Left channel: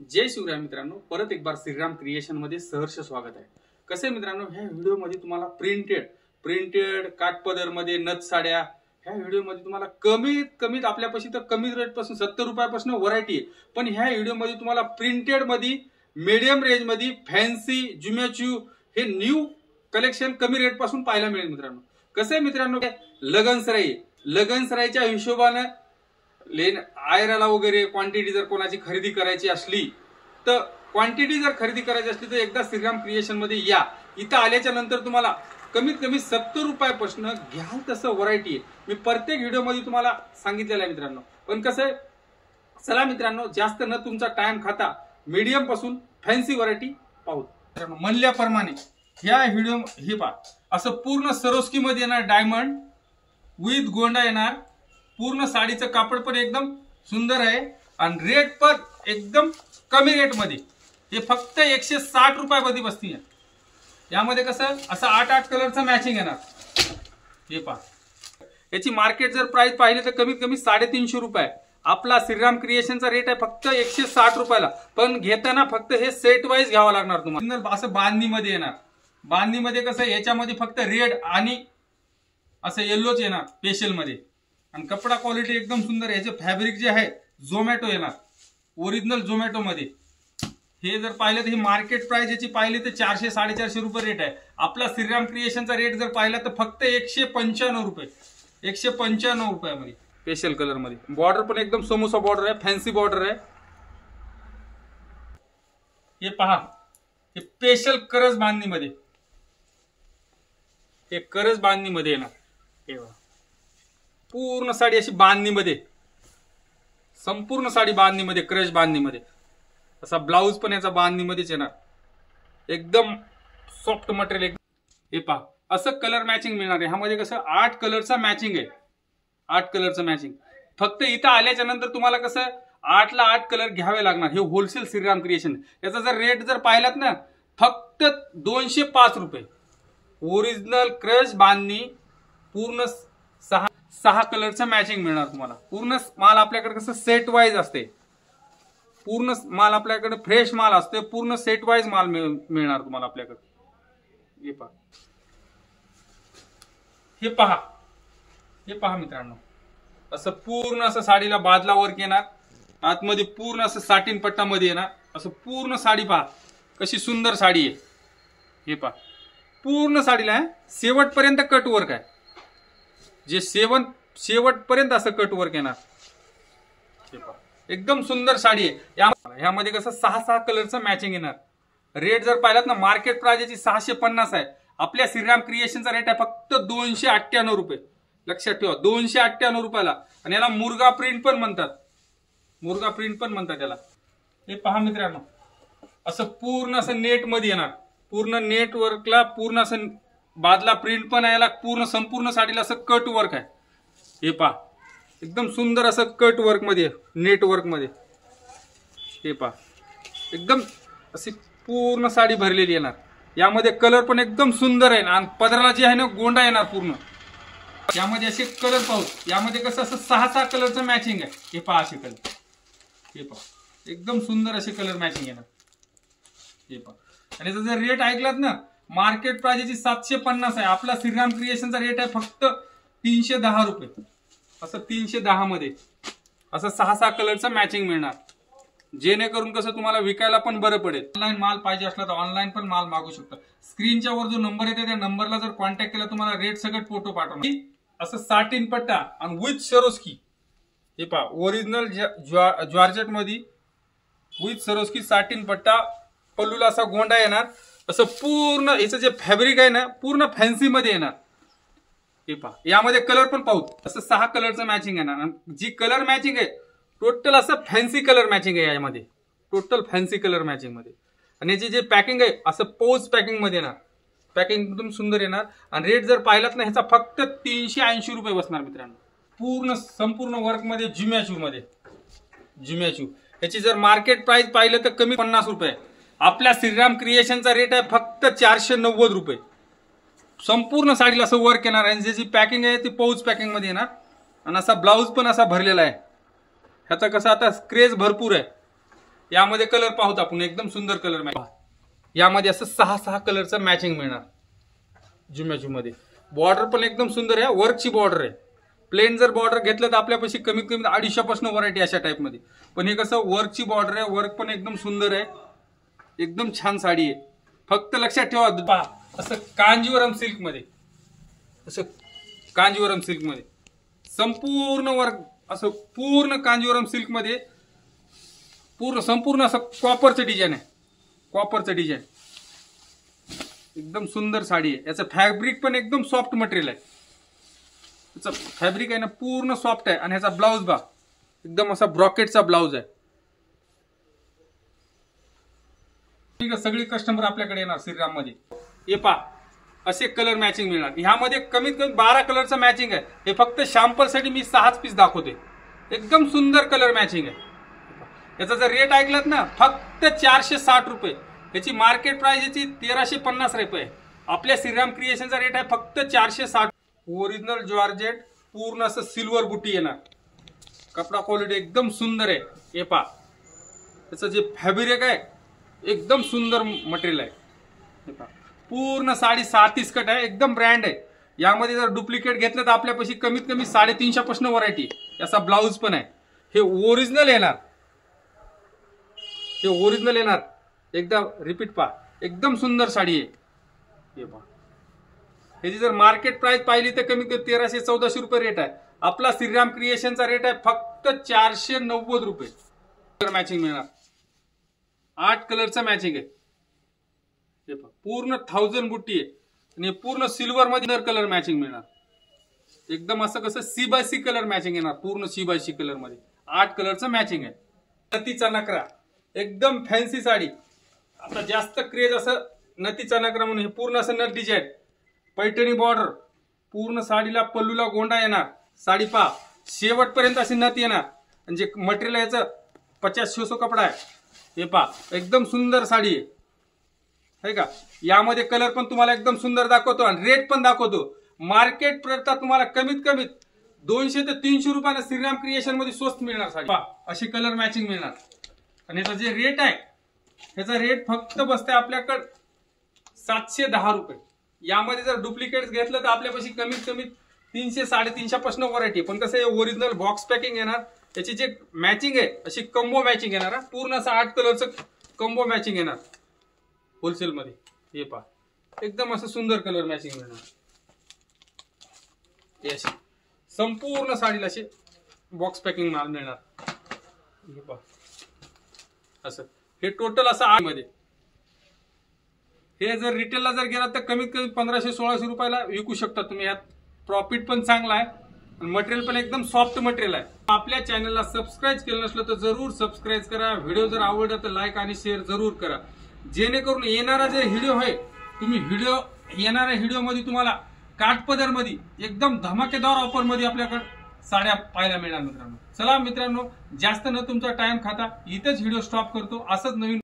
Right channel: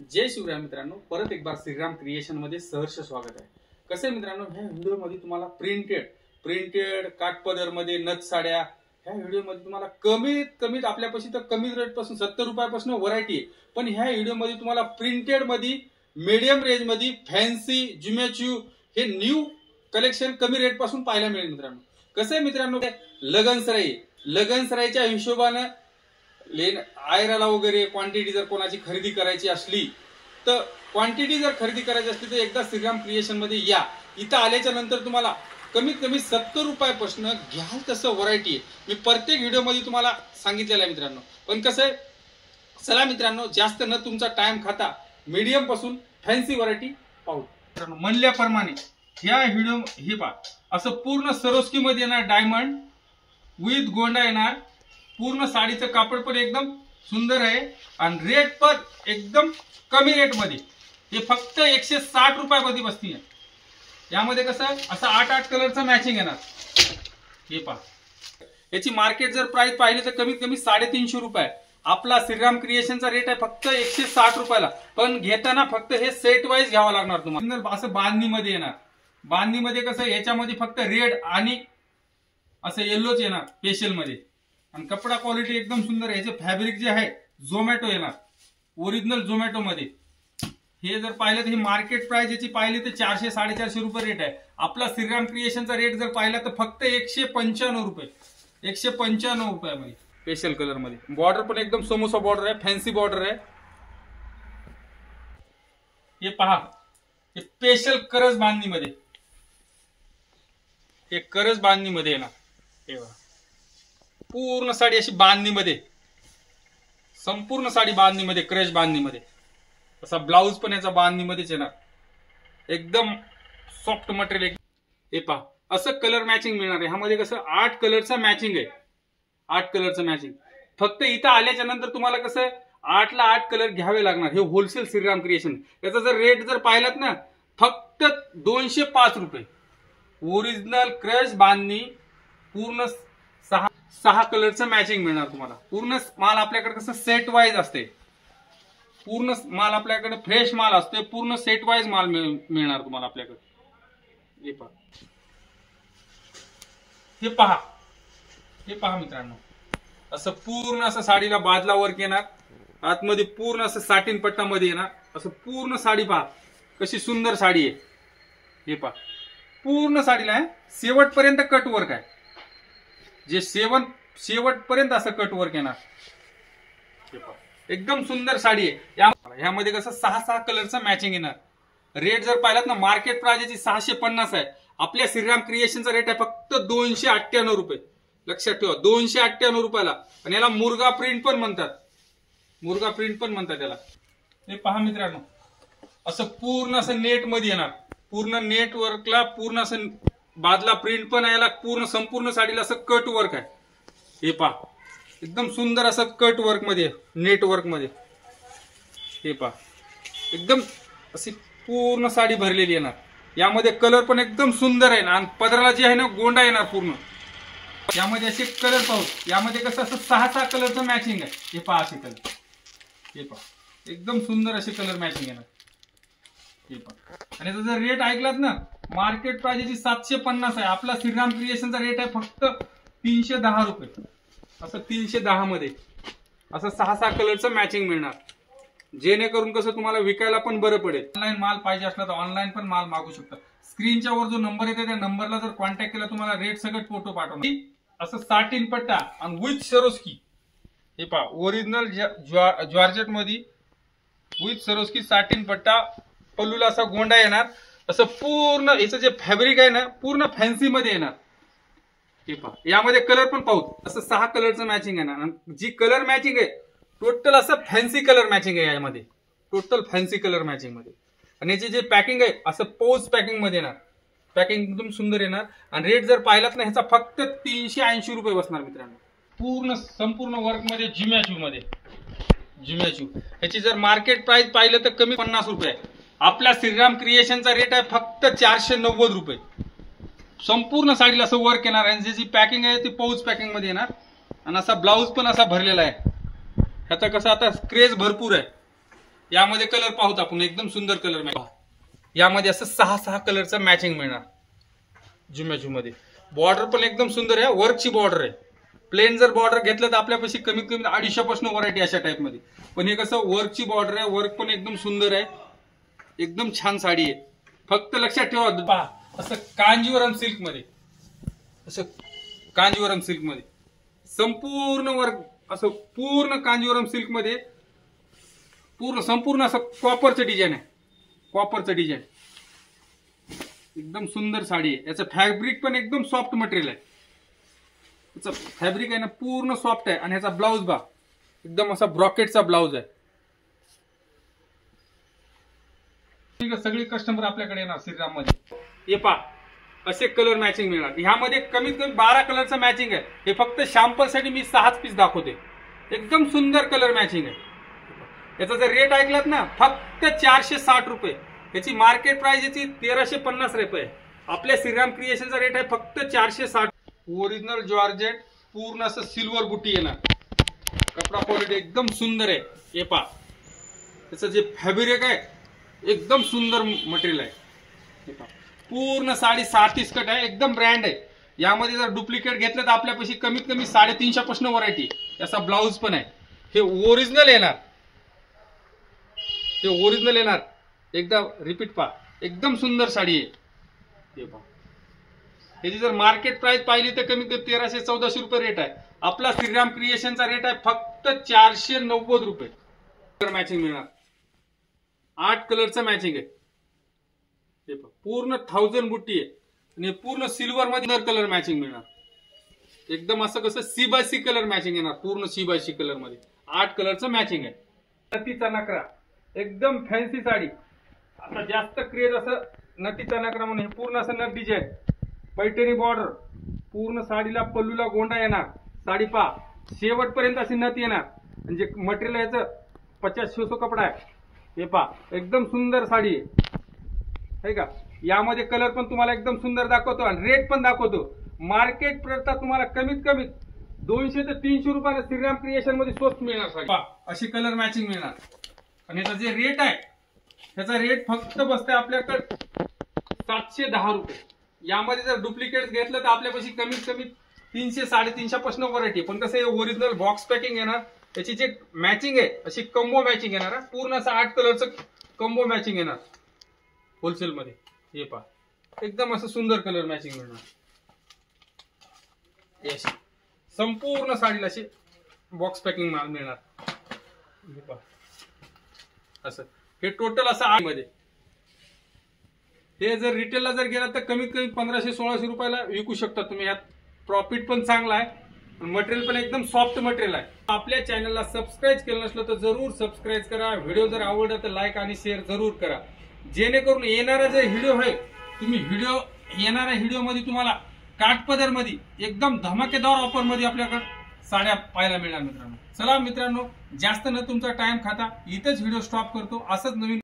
जय शिवराय मित्रांनो, परत एक बार श्रीराम क्रिएशन मध्ये सहर्ष स्वागत आहे। कसे मित्रांनो, ह्या व्हिडिओ मध्ये तुम्हाला प्रिंटेड काठपदर मध्ये नथ साड्या ह्या व्हिडिओ मध्ये तुम्हाला कमीत आपल्यापाशी तर कमी रेट पासून 70 रुपयापासून व्हरायटी आहे। पण ह्या व्हिडिओ मध्ये तुम्हाला प्रिंटेड मध्ये मीडियम रेंज मध्ये फॅन्सी जुमेचू हे न्यू कलेक्शन कमी रेट पासून पाहायला मिळेल मित्रांनो। कसे मित्रांनो, लगनसराईच्या हिशोबाने आयराला वगैरे क्वांटिटी जर कोणाची खरेदी करायची असली तर क्वांटिटी जर खरेदी करायची असली तर एकदा श्रीराम क्रिएशन मध्ये या। इथं आल्याच्या नंतर तुम्हाला कमीत कमी 70 रुपयापासून घ्याल तसं व्हरायटी आहे। मी प्रत्येक व्हिडिओ मध्ये तुम्हाला सांगितलेलं आहे मित्रांनो। पण कसं आहे, चला मित्रांनो, जास्त न तुमचा टाइम खाता मीडियम पासून फॅन्सी व्हरायटी पाहू मित्रांनो। म्हणल्याप्रमाणे ह्या व्हिडिओ हे पहा, असं पूर्ण सरोस्की मध्ये येणार डायमंड विथ गोंडा येणार। पूर्ण साडीचं कापड पण एकदम सुंदर आहे आणि रेट पण एकदम कमी रेट मध्ये, हे फक्त 160 रुपयामध्ये बसती आहे। यामध्ये कसं असं 8 कलरचं मॅचिंग येणार। हे पहा, याची मार्केट जर प्राइस पाहिली तर कमीत कमी 350 रुपये। आपला श्रीराम क्रिएशनचा रेट आहे फक्त 160 रुपयाला। पण घेताना फक्त हे सेट वाईज घ्यावं लागणार तुम्हाला। असं बांधणीमध्ये येणार। बांधणीमध्ये कसं याच्यामध्ये फक्त रेड आणि असं येल्लोच येणार स्पेशल मध्ये। आणि कपडा क्वालिटी एकदम सुंदर आहे। याचे फॅब्रिक जे आहे झोमॅटो येणार, ओरिजिनल झोमॅटो मध्ये। हे जर पाहिलं तर ही मार्केट प्राइस याची पाहिली तर 400-450 रुपये रेट आहे। आपला श्रीराम क्रिएशनचा रेट जर पाहिला तर फक्त 195 रुपये, 195 रुपयामध्ये स्पेशल कलर मध्ये। बॉर्डर पण एकदम समोसा बॉर्डर आहे, फॅन्सी बॉर्डर आहे। हे पहा, हे स्पेशल करज बांधणीमध्ये, हे करज बांधणीमध्ये येणार। हे बघा, पूर्ण साडी अशी बांधणीमध्ये, संपूर्ण साडी बांधणीमध्ये, क्रश बांधणीमध्ये। असा ब्लाउज पण याचा बांधणीमध्येच येणार। एकदम सॉफ्ट मटेरियल। हे पहा, असं कलर मॅचिंग मिळणार आहे। ह्यामध्ये कसं 8 कलरचा मॅचिंग आहे, 8 कलरचं मॅचिंग। फक्त इथं आल्याच्या नंतर तुम्हाला कसं 8 ला 8 कलर घ्यावे लागणार। हे होलसेल श्रीराम क्रिएशन। याचा जर रेट जर पाहिलात ना, फक्त 205 रुपये। ओरिजिनल क्रश बांधणी, पूर्ण 6 कलरचं मॅचिंग मिळणार तुम्हाला। पूर्ण माल आपल्याकडे कसं सेट वाईज असते, पूर्ण माल आपल्याकडे फ्रेश माल असते, पूर्ण सेट वाईज माल मिळणार तुम्हाला आपल्याकडे। हे पहा, हे पहा, हे पहा मित्रांनो, असं पूर्ण असं साडीला बाजला वर्क येणार। आतमध्ये पूर्ण असं साटिन पट्टामध्ये येणार। असं पूर्ण साडी पहा कशी सुंदर साडी आहे। हे पहा, पूर्ण साडीला आहे शेवटपर्यंत कट वर्क आहे। जे शेवटपर्यंत असं कट वर्क येणार। एकदम सुंदर साडी आहे। यामध्ये कसं 6 कलरचं मॅचिंग येणार। रेट जर पाहिलात ना, मार्केट प्राइस याची 650 आहे। आपल्या श्रीराम क्रिएशनचा रेट आहे फक्त 298 रुपये। लक्षात ठेवा, 298 रुपयाला। आणि याला मुर्गा प्रिंट पण म्हणतात, मुर्गा प्रिंट पण म्हणतात याला। हे पहा मित्रांनो, असं पूर्ण असं नेट मध्ये येणार। पूर्ण नेट वर्कला पूर्ण असं बादला प्रिंट पण आहे। पूर्ण संपूर्ण साडीला असं कट वर्क आहे। हे पहा, एकदम सुंदर असं कट वर्क मध्ये, नेट वर्क मध्ये। हे पहा, एकदम अशी पूर्ण साडी भरलेली येणार। यामध्ये कलर पण एकदम सुंदर आहे आणि पदराला जे आहे ना गोंडा येणार पूर्ण। यामध्ये असे कलर पाहू, यामध्ये कसं असं 6 कलरचं मॅचिंग आहे। हे पहा, असे कलर, हे पहा, एकदम सुंदर असे कलर मॅचिंग येणार। हे पहा, आणि याचा जर रेट ऐकलात ना, मार्केट प्राइस याची 750 आहे। आपला श्रीराम क्रिएशनचा रेट आहे फक्त 310 रुपये। असं 310 मध्ये असं 6 कलरचं मॅचिंग मिळणार। जेणेकरून कसं तुम्हाला विकायला पण बरं पडेल। ऑनलाईन माल पाहिजे असला तर ऑनलाईन पण माल मागू शकता। स्क्रीनच्या वर जो नंबर येते त्या नंबरला जर कॉन्टॅक्ट केला, तुम्हाला रेट सगळं फोटो पाठवणार। असं साटिन पट्टा आणि विथ सरोस्की। हे पहा, ओरिजिनल जॉर्जेट मध्ये विथ सरोस्की साटिन पट्टा, पल्लूला असा गोंडा येणार। असं पूर्ण याचं जे फॅब्रिक आहे ना, पूर्ण फॅन्सी मध्ये येणार। हे पहा, यामध्ये कलर पण पाहू, असं 6 कलरचं मॅचिंग येणार। जी कलर मॅचिंग आहे टोटल असं फॅन्सी कलर मॅचिंग आहे यामध्ये, टोटल फॅन्सी कलर मॅचिंग मध्ये। आणि याची जे पॅकिंग आहे असं पोज पॅकिंग मध्ये येणार। पॅकिंग एकदम सुंदर येणार। आणि रेट जर पाहिलात ना, ह्याचा फक्त 380 रुपये बसणार मित्रांनो। पूर्ण संपूर्ण वर्क मध्ये, जुम्याचू मध्ये, जुम्याचू। ह्याची जर मार्केट प्राइस पाहिलं तर कमी 50 रुपये। आपल्या श्रीराम क्रिएशनचा रेट आहे फक्त 490 रुपये। संपूर्ण साडीला असं वर्क येणार आणि ज्याची पॅकिंग आहे ती पाऊच पॅकिंग मध्ये येणार। आणि असा ब्लाउज पण असा भरलेला आहे। ह्याचा कसा आता क्रेज भरपूर आहे। यामध्ये कलर पाहूत आपण, एकदम सुंदर कलर मॅचिंग. यामध्ये असं 6 कलरचं मॅचिंग मिळणार जुम्याजू मध्ये. बॉर्डर पण एकदम सुंदर आहे, वर्कची बॉर्डर आहे. प्लेन जर बॉर्डर घेतलं तर आपल्यापाशी कमीत कमी 250 पासून व्हरायटी अशा टाइप मध्ये. पण हे कसं वर्कची बॉर्डर आहे, वर्क पण एकदम सुंदर आहे, एकदम छान साडी आहे. फक्त लक्षात ठेवा पहा, असं कांजीवरम सिल्क मध्ये, असं कांजीवरम सिल्क मध्ये संपूर्ण वर्क, असं पूर्ण कांजीवरम सिल्क मध्ये संपूर्ण असं कॉपरचं डिझाईन आहे, कॉपरचं डिझाईन. एकदम सुंदर साडी आहे. याचं फॅब्रिक पण एकदम सॉफ्ट मटेरियल आहे. याचं फॅब्रिक आहे ना पूर्ण सॉफ्ट आहे. आणि ह्याचा ब्लाउज बा एकदम असा ब्रॉकेटचा ब्लाउज आहे. सगळी कस्टमर आपल्याकडे येणार श्रीराम मध्ये. हे पा असे कलर मॅचिंग मिळणार. ह्यामध्ये कमीत कमी 12 कलरचं मॅचिंग आहे. हे फक्त सॅम्पल साठी मी 6 पीस दाखवते. एकदम सुंदर कलर मॅचिंग आहे. याचा जर रेट ऐकलात ना, फक्त 460 रुपये. याची मार्केट प्राइस याची 1350 रुपये. आपल्या श्रीराम क्रिएशनचा रेट आहे फक्त 460. ओरिजिनल जॉर्जेट पूर्ण असं सिल्वर बुटी येणार. कपडा क्वालिटी एकदम सुंदर आहे. हे पा त्याचं जे फॅब्रिक आहे एकदम सुंदर मटेरियल आहे. हे पा पूर्ण साडी 37 कट आहे, एकदम ब्रँड आहे. यामध्ये जर डुप्लिकेट घेतलं तर आपल्यापाशी कमीत कमी 350 पासून व्हरायटी. याचा ब्लाउज पण आहे. हे ओरिजिनल येणार, हे ओरिजिनल येणार. एकदा रिपीट पा, एकदम सुंदर साडी आहे. हे पहा, याची जर मार्केट प्राइस पाहिली तर कमीत कमी 1300-1400 रुपये रेट आहे. आपला श्रीराम क्रिएशनचा रेट आहे फक्त 490 रुपये. कलर मॅचिंग मिळणार. 8 कलरचं मॅचिंग आहे. हे पहा पूर्ण 1000 बुट्टी आहे. आणि पूर्ण सिल्वर मध्ये कलर मॅचिंग मिळणार. एकदम असं कसं C/C कलर मॅचिंग येणार. पूर्ण C/C कलर मध्ये 8 कलरचं मॅचिंग आहे. नथीचा नकरा, एकदम फॅन्सी साडी. आता जास्त क्रेज असं नथीचा नकरा म्हणून. हे पूर्ण असं नथ डिझाईन, पैठणी बॉर्डर, पूर्ण साडीला पल्लूला गोंडा येणार. साडी पा शेवटपर्यंत अशी नथ येणार. म्हणजे मटेरियल याचं 50-600 कपडा आहे. हे पा एकदम सुंदर साडी आहे का. यामध्ये कलर पण तुम्हाला एकदम सुंदर दाखवतो आणि रेट पण दाखवतो. मार्केट प्रता तुम्हाला कमीत कमी 200 ते 300 रुपयाला श्रीराम क्रिएशन मध्ये स्वस्त मिळणार साडी. पा अशी कलर मॅचिंग मिळणार. आणि याचा जे रेट आहे त्याचा रेट फक्त बसते आपल्याकडे 710 रुपये. यामध्ये जर डुप्लिकेट घेतलं तर आपल्यापाशी कमीत कमी 300-350 पासून व्हरायटी. पण कसं ओरिजिनल बॉक्स पॅकिंग येणार. याची जे मॅचिंग आहे अशी कंबो मॅचिंग येणार. पूर्ण असं 8 कलरचं कंबो मॅचिंग येणार होलसेल मध्ये. हे पहा एकदम असं सुंदर कलर मॅचिंग मिळणार. अशी संपूर्ण साडीला अशी बॉक्स पॅकिंग माल मिळणार. हे पहा असं हे टोटल असं 8 मध्ये. हे जर रिटेलला जर गेला तर कमीत कमी 1500-1600 रुपयाला विकू शकता तुम्ही. यात प्रॉफिट पण चांगला आहे आणि मटेरियल पण एकदम सॉफ्ट मटेरियल आहे. आपल्या चॅनलला सबस्क्राईब केलं नसलं तर जरूर सबस्क्राईब करा. व्हिडिओ जर आवडला तर लाईक आणि शेअर जरूर करा. जेणेकरून येणारा जे व्हिडिओ आहे तुम्ही येणाऱ्या व्हिडिओ मध्ये तुम्हाला काठपदर मध्ये एकदम धमाकेदार ऑफर मध्ये आपल्याकडे साड्या पाहायला मिळणार मित्रांनो. चला मित्रांनो, जास्त न तुमचा टाइम खाता इथेच व्हिडिओ स्टॉप करतो. असंच नवीन